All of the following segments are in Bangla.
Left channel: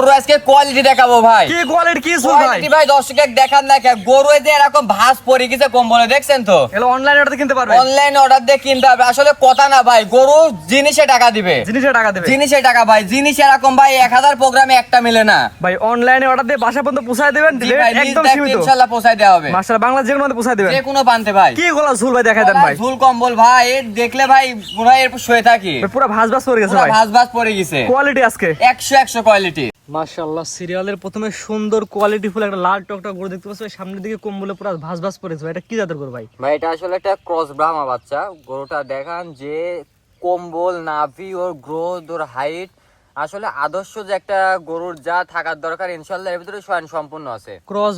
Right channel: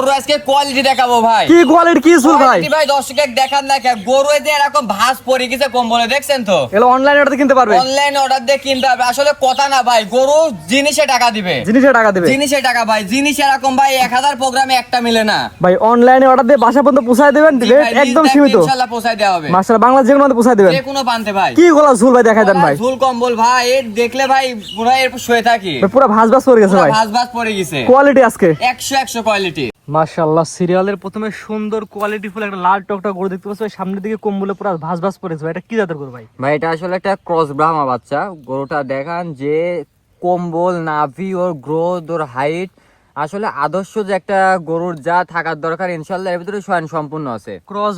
গরু আজকে কোয়ালিটি দেখাবো ভাই। কি কোয়ালিটি কি সুর ভাই? কোয়ালিটি ভাই দর্শককে দেখান না কে গরু যে এরকম ভাঁজ পড়ে গেছে কম্বলে দেখছেন তো। এগুলো অনলাইন অর্ডার কিনতে পারবে? অনলাইন অর্ডার দিয়ে কিনতে হবে। আসলে কথা না ভাই, গরু জিনিসে টাকা দিবে। জিনিসে টাকা দেবে? জিনিসে টাকা ভাই। জিনিস এরকম ভাই 1000 প্রোগ্রামে একটা মিলে না ভাই অনলাইনে অর্ডার দিয়ে বাসা পর্যন্ত পৌঁছায় দেবেন? জি ভাই, একদম নিজ সীমিত ইনশাআল্লাহ পৌঁছায় দেওয়া হবে। মাশাআল্লাহ, বাংলা যে কোনো পৌঁছায় দেবেন? যে কোনো প্রান্তে ভাই। কি গলা ঝুল ভাই দেখাই দেন ভাই। ঝুল কম্বল ভাই এর দেখলে ভাই পুরো এর শুয়ে থাকি। ভাই পুরো ভাঁজ ভাঁজ পড়ে গেছে পুরো ভাই। ভাঁজ ভাঁজ পড়ে গেছে। কোয়ালিটি আজকে 100 কোয়ালিটি। মাশাআল্লাহ, সিরিয়ালের প্রথমে সুন্দর কোয়ালিটি ফুল একটা লাল টকটক গরু দেখতে পাচ্ছি। সামনের দিকে কম্বলে পুরো ভাঁজ ভাঁজ পড়েছে ভাই। এটা কি জাতের গরু ভাই? ভাই এটা আসলে একটা ক্রস ব্রাহ্মা বাচ্চা। গরুটা দেখান যে কম্বল, নাভি, ওর গ্রোথ, ওর হাইট, আসলে আদর্শ যে একটা গরুর যা থাকার দরকার ইনশাআল্লাহ এর ভিতরে স্বয়ং সম্পূর্ণ আছে। ক্রস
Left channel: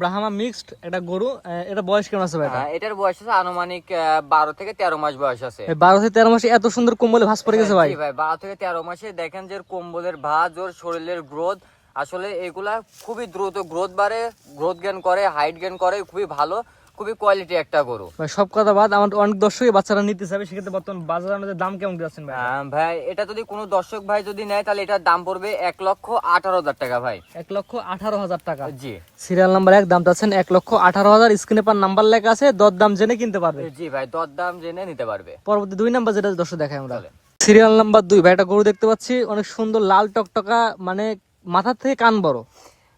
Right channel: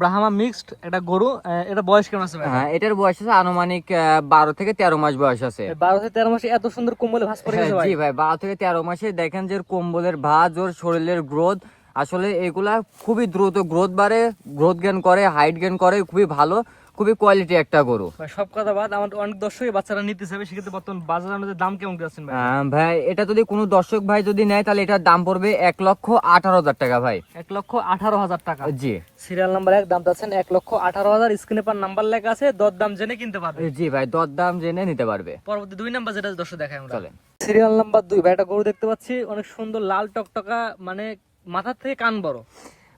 ব্রাহ্মা মিক্সড একটা গরু। এটা বয়স কেমন আছে ভাই? হ্যাঁ, এটার বয়স আছে আনুমানিক 12 থেকে 13 মাস বয়স আছে। 12 থেকে 13 মাসে এত সুন্দর কম্বলে ভাঁজ পড়ে গেছে ভাই? জি ভাই, 12 থেকে 13 মাসে দেখেন যে কম্বলের ভাঁজ, ওর শরীরের গ্রোথ, আসলে এগুলা খুবই দ্রুত গ্রোথ বাড়ে, গ্রোথ গেইন করে, হাইট গেইন করে, খুবই ভালো, খুবই কোয়ালিটি একটা গরু ভাই। সব কথা বাদ, আমার অনেক দর্শকই বাচ্চারা নিতে চাবে, সেক্ষেত্রে বর্তমান বাজারে আমাদের দাম কেমন দিচ্ছেন ভাই? ভাই এটা যদি কোনো দর্শক ভাই যদি নেয় তাহলে এটার দাম পড়বে 1,18,000 টাকা ভাই। 1,18,000 টাকা? জি সিরিয়াল নাম্বার 1 দাম চাচ্ছেন 1,18,000। স্ক্রিনে পার নাম্বার লেখা আছে, দর-দাম জেনে কিনতে পারবে। জি ভাই, দর দাম জেনে নিতে পারবে। পরবর্তী 2 নাম্বার যেটা দর্শক দেখাই আমরা। চলেন। সিরিয়াল নাম্বার 2 ভাই, একটা গরু দেখতে পাচ্ছি অনেক সুন্দর লাল টকটকা, মানে মাথা থেকে কান বড়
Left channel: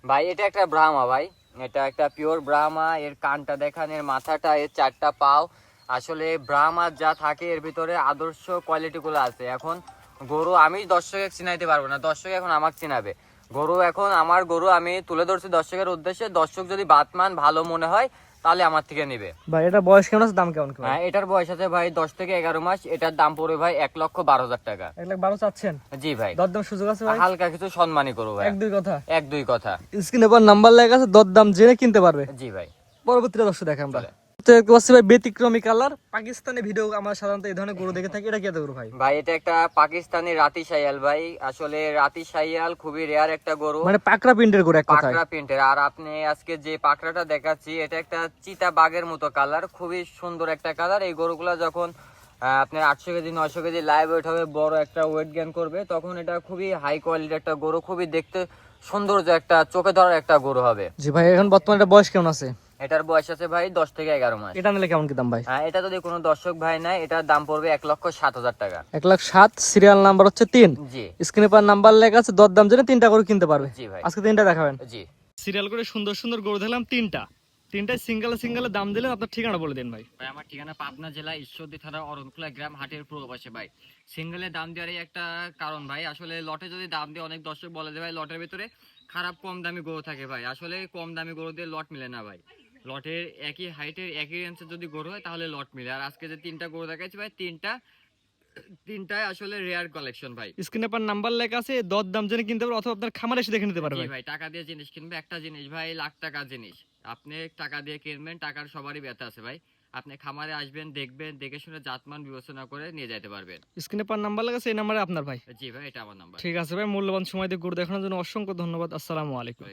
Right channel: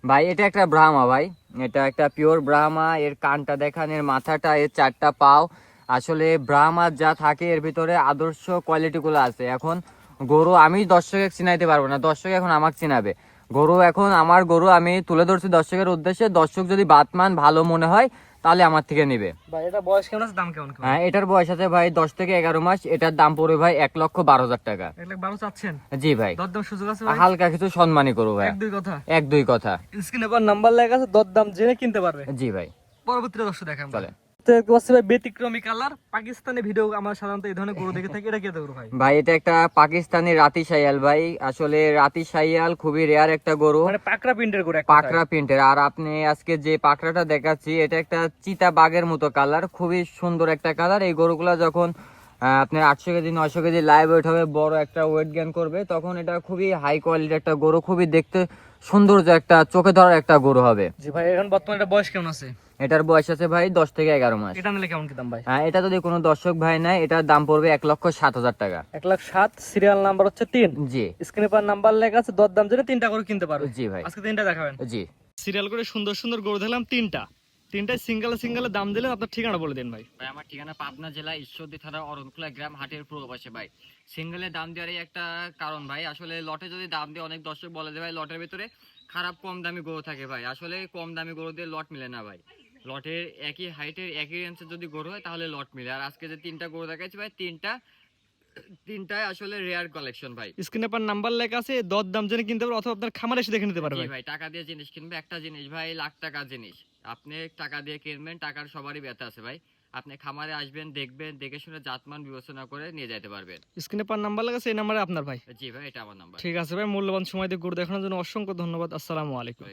ভাই এটা একটা ব্রাহ্মা ভাই, এটা একটা পিওর ব্রাহ্মা। এর কানটা দেখান, এর মাথাটা, এর 4টা পাও, আসলে ব্রাহ্মা যা থাকে এর ভিতরে আদর্শ কোয়ালিটি গুলো আছে। এখন গরু আমি দর্শকের চিনাইতে পারবো না, দর্শক এখন আমাকে চিনাবে। গরু এখন আমার গরু আমি তুলে ধরছি দর্শকের উদ্দেশ্যে। দর্শক যদি বাতমান ভালো মনে হয় তাহলে আমার থেকে নেবে ভাই। এটা বয়স কেমন আছে, দাম কেমন? হ্যাঁ, এটার বয়স আছে ভাই 10 থেকে 11 মাস। এটার দাম পড়বে ভাই 1,12,000 টাকা। 1,12,000 চাচ্ছেন? জি ভাই, দর-দাম সুযোগ আছে ভাই? হালকা কিছু সম্মানই করবো ভাই। 1-2 কথা? 1-2 কথা। স্ক্রিনে পার নাম্বার লেখা আছে, দর-দাম জেনে কিনতে পারবে। জি ভাই। পরবর্তীটা দর্শক দেখাই আমরা। চলেন। তো দেখতে পাচ্ছি ভাই ব্যতিক্রমী কালার পাকিস্তানি ভিডিও আমরা সাধারণত এই ধরনের গরু দেখে থাকি। এটা কি গরু ভাই? ভাই এটা একটা পাকিস্তানি রাতি শাইয়াল ভাই। আসলে রাতি শাইয়াল খুবই রেয়ার একটা গরু, মানে পাকড়া প্রিন্টের গরু, এক কথায় পাকড়া প্রিন্টের। আর আপনি আজকে যে পাকড়াটা দেখাচ্ছি এটা একটা চিতা বাঘের মতো কালার, খুবই সুন্দর একটা কালার। এই গরুগুলা যখন আপনার 800 কেজি 900 কেজি লাইভ ওয়েট হবে, বড় একটা ওয়েট গেইন করবে, তখন এটা খুবই হাই কোয়ালিটির একটা গরু, খুবই দেখতে সৌন্দর্য একটা চোখে ধরার একটা গরু হবে। জি ভাই। এখন বর্তমানে এটা বয়স কেমন আছে? এটার বয়স আছে ভাই 10 থেকে 11 মাস। এটা নিলে কেমন কি দাম ভাই? এটা যদি কোনো দর্শক ভাই নেয় এটার দাম পড়বে 1,07,000 টাকা। 1,07,000। সিরিয়াল নাম্বার হচ্ছে 3। জি স্ক্রিনে পার নাম্বার লেখা আছে, দর-দাম জেনে 3টা গরু কিনতে পারবে। জি ভাই। আজকে 3টা দেখাবেন? জি সিরিয়াল করে সুন্দর সুন্দর গরু দেখলাম 3টায় সিঙ্গেলে দাম দিলেন। আপনার ঠিকানা বলে দিন ভাই। ভাই, আমার ঠিকানা পাবনা জেলা ঈশ্বরদী থানা অরণকুলা গ্রাম, হাটের পূর্ব পাশে ভাই। সিঙ্গেলে দাম দেওয়ারই একটা কারণ ভাই, আসলে লটে যদি দাম দিয়ে অনেক দর্শক বলে যে ভাই লটের ভিতরে খারাপ কম দামি গরু থাকে ভাই। আসলে কম দামি গরু দিয়ে লট মিলে না ভাই। লটের একই হাইটের একই রেঞ্জের যদি গরু হয় তাহলে লট মিলে। আর আজকে যে 3টা গরু দেখাচ্ছি ভাই, তিনটায় আসলে রেয়ার কালেকশন ভাই। স্ক্রিনে পার নাম্বার লেখা আছে, দর-দাম জেনে কিনতে পারবে অথবা আপনার খামারে এসে দেখে নিতে পারবে ভাই। টাকা দিয়ে জিনিস কিনবে, একটা জিনিস ভাই লাখ টাকার জিনিস আপনি টাকা দিয়ে কিনবেন, টাকার সবারই ব্যথা আছে ভাই। আপনি খামারে আসবেন, দেখবেন, দেখে শুনে জাতমান বিবেচনা করে নিয়ে যেতে পারবেন। স্ক্রিনে পার নাম্বার লেখা আছে, এই নাম্বারে আপনার ভাই। জি ভাই, এটা আমার নাম্বার। ঠিক আছে ভাই, মূল্যবান সময় দিয়ে গরু দেখানোর জন্য অসংখ্য ধন্যবাদ। আসসালামু আলাইকুম।